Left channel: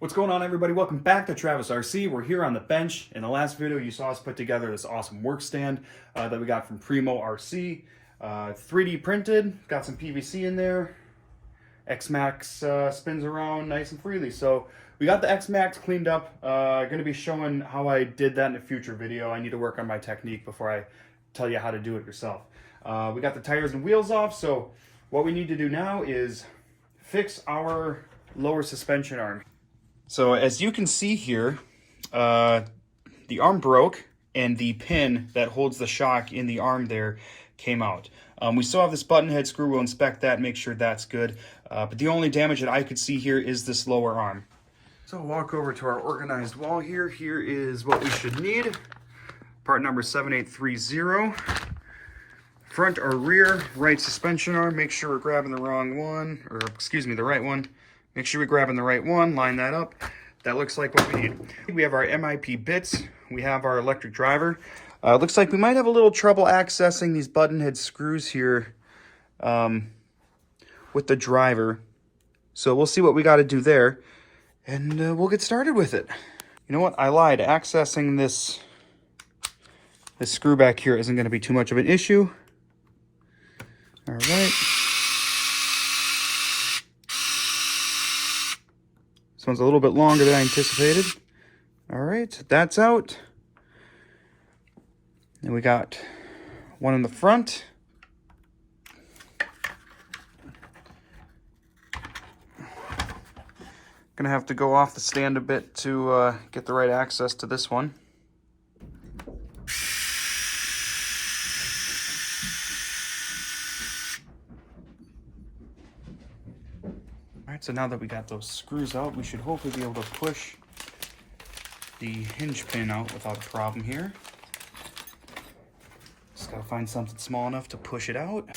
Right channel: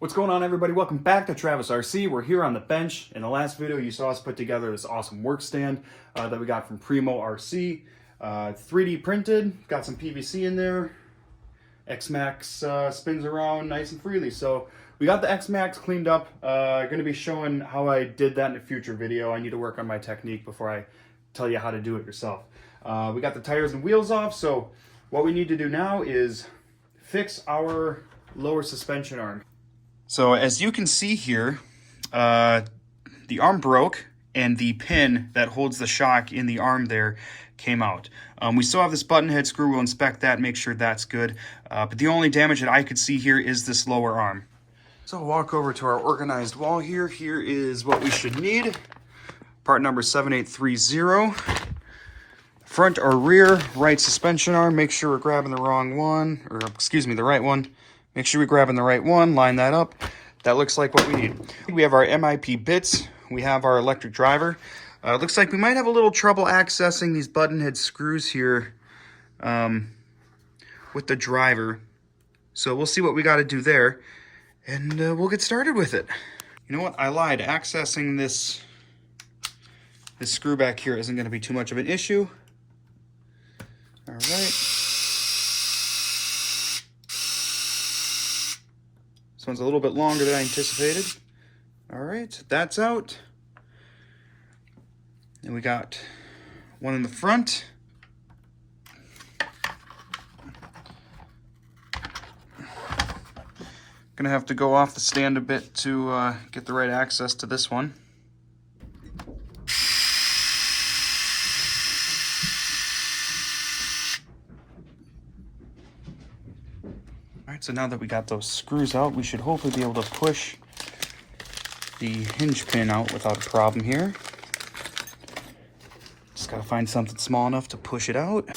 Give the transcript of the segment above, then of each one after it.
What's going on, everybody? Welcome back to Travis RC. We're here on the bench. In the last video, you saw us put together this awesome work stand that we got from Primo RC. 3D printed, got some PVC in there. X-Maxx spins around nice and freely. So we got the X-Maxx cleaned up. Going to be showing how I did that in a future video. I need to work on my technique before I tell you how to do it yourself. We got the tires and wheels off. So what we need to do now is fix our lower suspension arm. So as you can see here, the arm broke and the pin that holds the shock in the arm there came out. We still have this button head screw. We'll inspect that, make sure that's good. But the only damage that I could see here is this lower arm. So I'll walk over to our organized wall here. Here is what we should need. Part number 7830. Front or rear right suspension arm. Make sure we're grabbing the wrong one, or excuse me, the right one. Make sure we're grabbing the right one, line that up. That looks like what we need. We have our MIP bits. We have our electric driver. Looks like we might have a little trouble accessing these button head screws here with the driver. So we'll see what we got to do there, and we'll get started with it. You know what? I lied. Accessing this screw back here isn't going to be too much of an issue. All right. This one's a little bit longer than I anticipated. All right, that's out. Then we got one in the front. Gonna have to go off the stand a bit to get the right access to this one. Alright, so now that we got those screws out, we should hopefully be able to push the hinge pin out without a problem here. Just gotta find something small enough to push it out.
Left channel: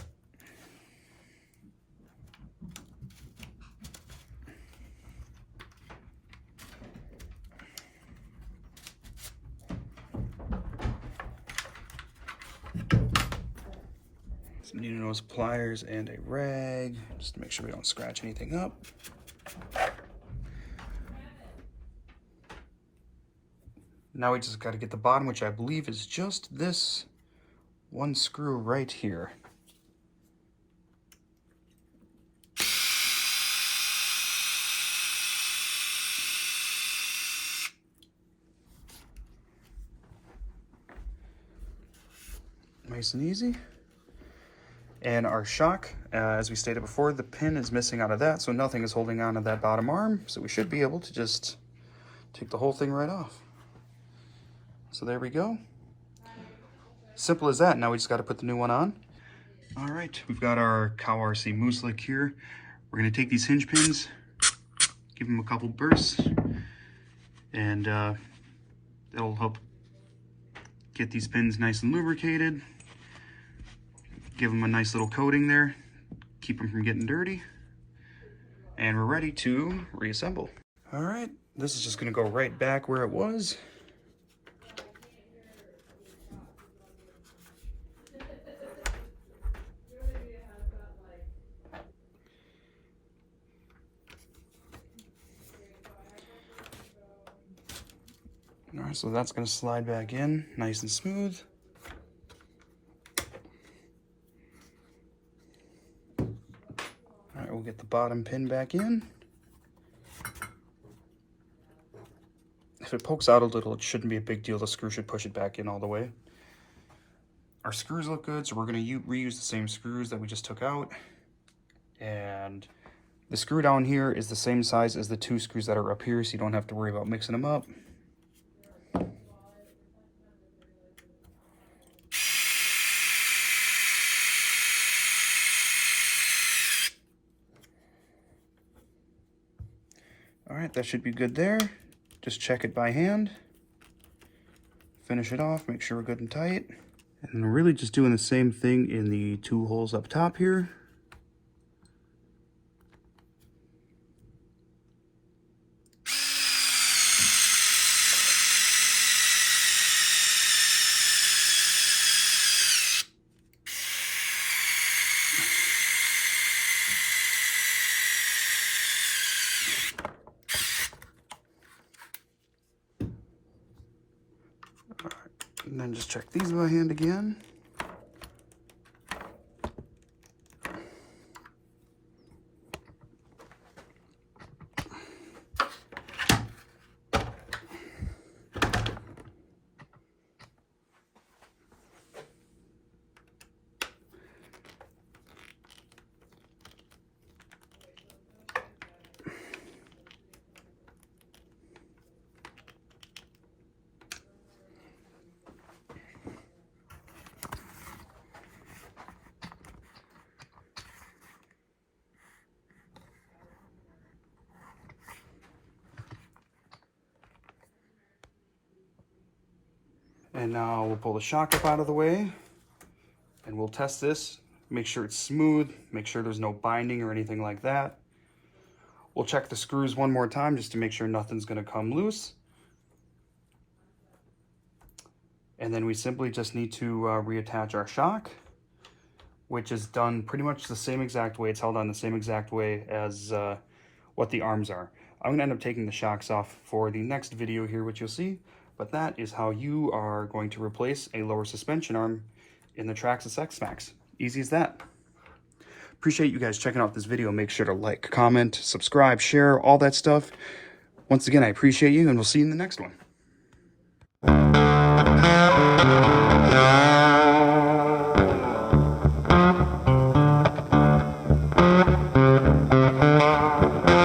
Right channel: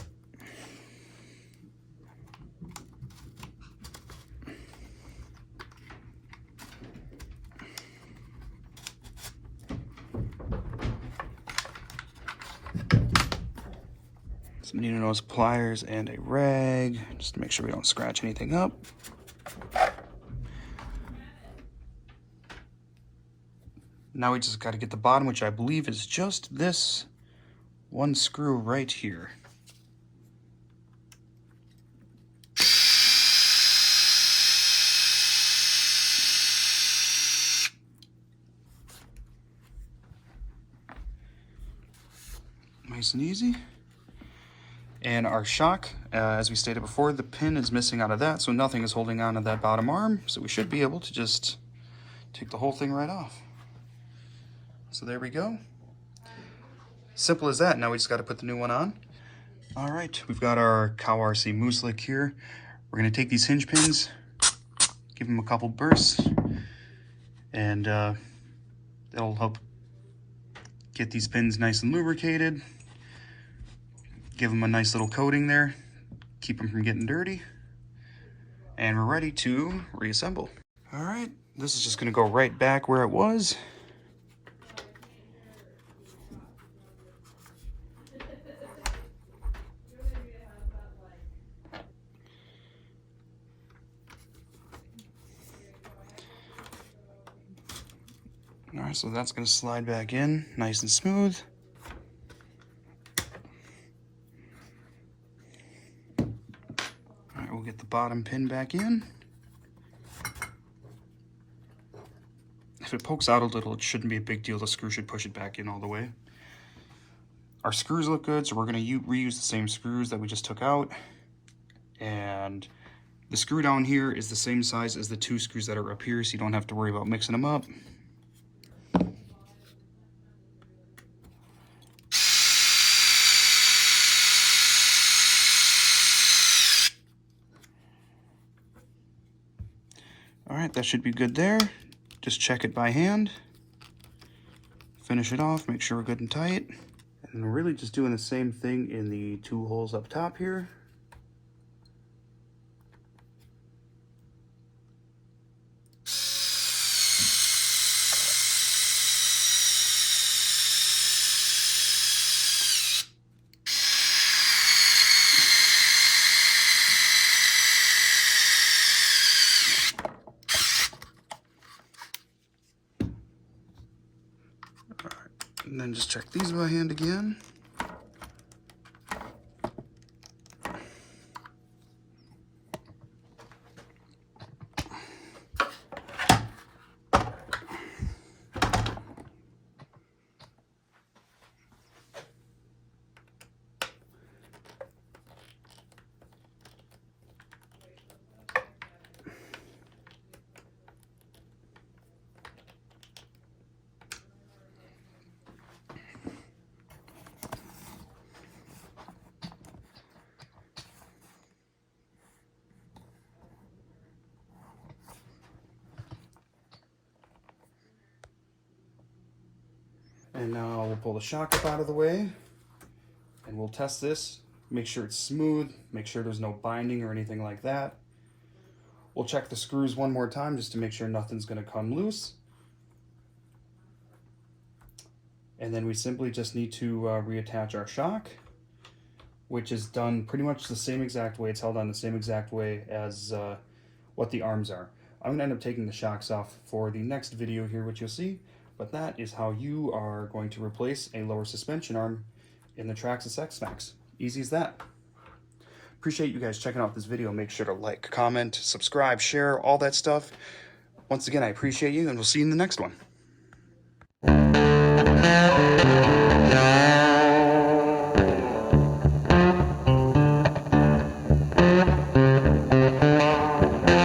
Some needle nose pliers and a rag, just to make sure we don't scratch anything up. Now we just got to get the bottom, which I believe is just this one screw right here. Nice and easy. And our shock, as we stated before, the pin is missing out of that, so nothing is holding on to that bottom arm. So we should be able to just take the whole thing right off. So there we go. Simple as that. Now we just got to put the new one on. All right, we've got our Cow RC Moose Lick here. We're going to take these hinge pins, give them a couple bursts, and that'll help get these pins nice and lubricated. Give them a nice little coating there, keep them from getting dirty, and we're ready to reassemble. All right, this is just going to go right back where it was. All right, so that's going to slide back in nice and smooth. We'll get the bottom pin back in. If it pokes out a little, it shouldn't be a big deal. The screw should push it back in all the way. Our screws look good, so we're going to reuse the same screws that we just took out. And the screw down here is the same size as the two screws that are up here, so you don't have to worry about mixing them up. All right, that should be good there. Just check it by hand. Finish it off, make sure we're good and tight. And we're really just doing the same thing in the two holes up top here. then just check these by hand again. And now we'll pull the shock up out of the way and we'll test this. Make sure it's smooth, make sure there's no binding or anything like that. We'll check the screws one more time just to make sure nothing's gonna come loose. And then we simply just need to reattach our shock, which is done pretty much the same exact way. It's held on the same exact way as what the arms are. I'm gonna end up taking the shocks off for the next video here, which you'll see. But that is how you are going to replace a lower suspension arm in the Traxxas X-Maxx. Easy as that. Appreciate you guys checking out this video. Make sure to like, comment, subscribe, share, all that stuff. Once again, I appreciate you, and we'll see you in the next one.